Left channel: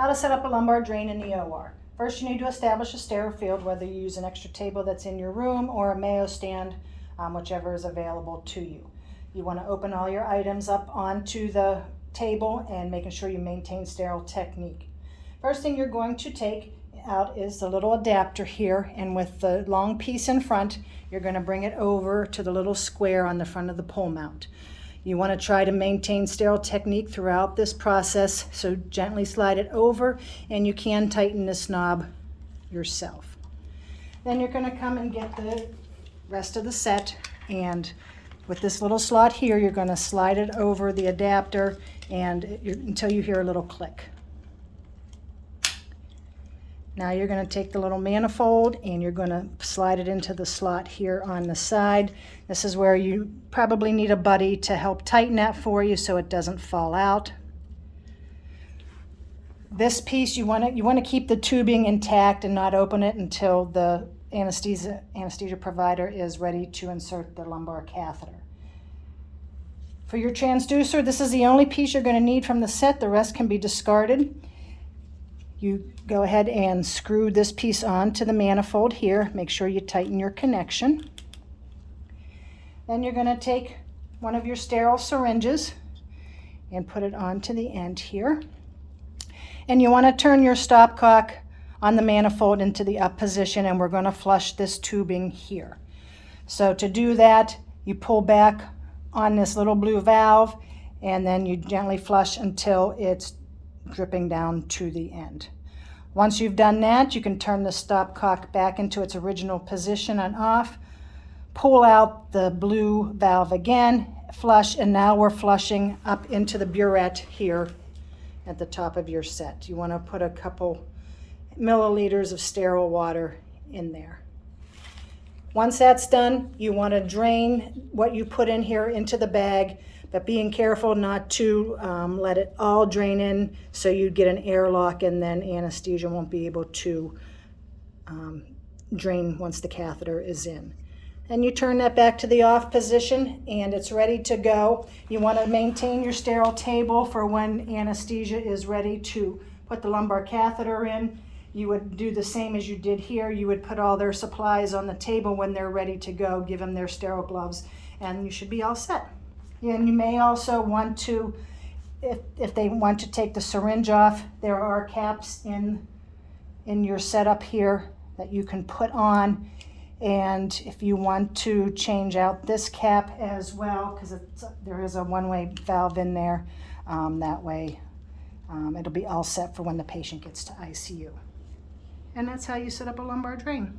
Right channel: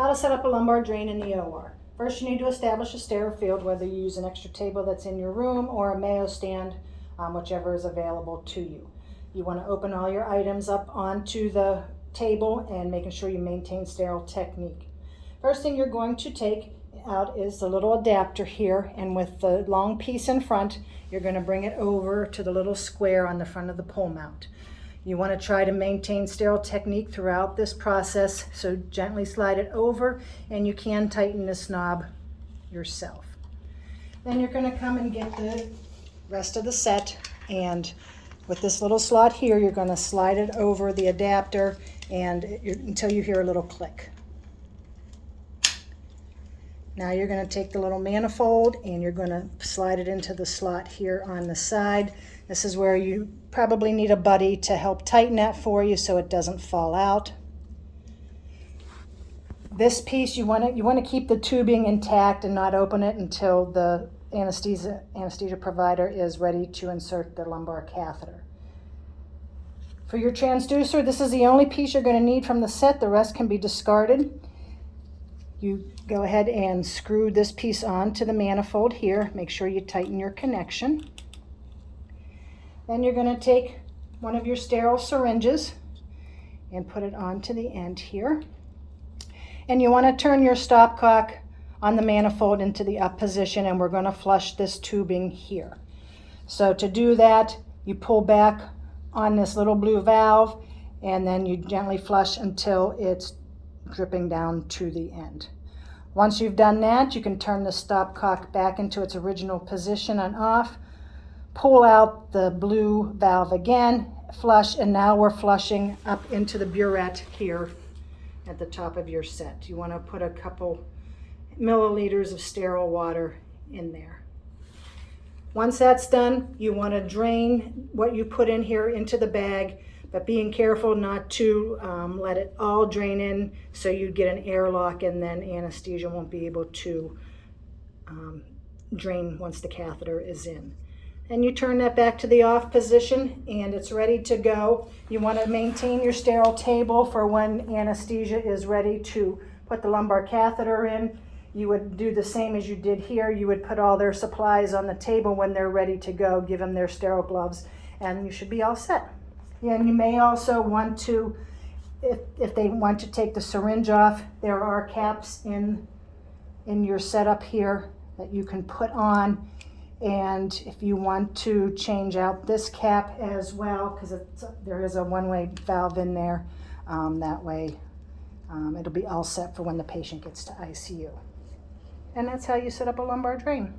How to set up a lumbar drain in the OR. First, you need to establish a sterile field, whether you use an extra table that's in your room or a Mayo stand, whichever is available to you. You want to open all your items up onto the table and making sure you maintain sterile technique. First thing you're going to take out is the little adapter here, and with the long piece in front, you're going to bring it over to the little square on the front of the pole mount. You want to try to maintain sterile technique throughout this process, so gently slide it over, and you can tighten this knob yourself. Then you're going to come and get the rest of the set, and with this little slot here, you're going to slide it over the adapter and until you hear a little click. Now you're going to take the little manifold and you're going to slide it into the slot here on the side. This is where you probably need a buddy to help tighten that for you so it doesn't fall out. This piece, you want to keep the tubing intact and not open it until the anesthesia provider is ready to insert the lumbar catheter. For your transducer, this is the only piece you're going to need from the set. The rest can be discarded. You go ahead and screw this piece onto the manifold here. Make sure you tighten your connection. Then you're going to take one of your sterile syringes and put it onto the end here. And you want to turn your stopcock on the manifold into the up position, and we're going to flush this tubing here. So to do that, you pull back on this little blue valve, and then you gently flush until it's dripping down to the end. Once you've done that, you can turn the stopcock back into its original position and off, pull out the blue valve again, flush, and now we're flushing up into the burette here at the top of your set. You want to put a couple milliliters of sterile water in there. Once that's done, you want to drain what you put in here into the bag, but being careful not to let it all drain in so you get an airlock, and then anesthesia won't be able to drain once the catheter is in. And you turn that back to the off position and it's ready to go. You want to maintain your sterile table for when anesthesia is ready to put the lumbar catheter in. You would do the same as you did here. You would put all their supplies on the table when they're ready to go, give them their sterile gloves, and you should be all set. And you may also want to, if they want to take the syringe off, there are caps in your setup here that you can put on. And if you want to change out this cap as well, because there is a one-way valve in there, that way it'll be all set for when the patient gets to ICU. And that's how you set up a lumbar drain.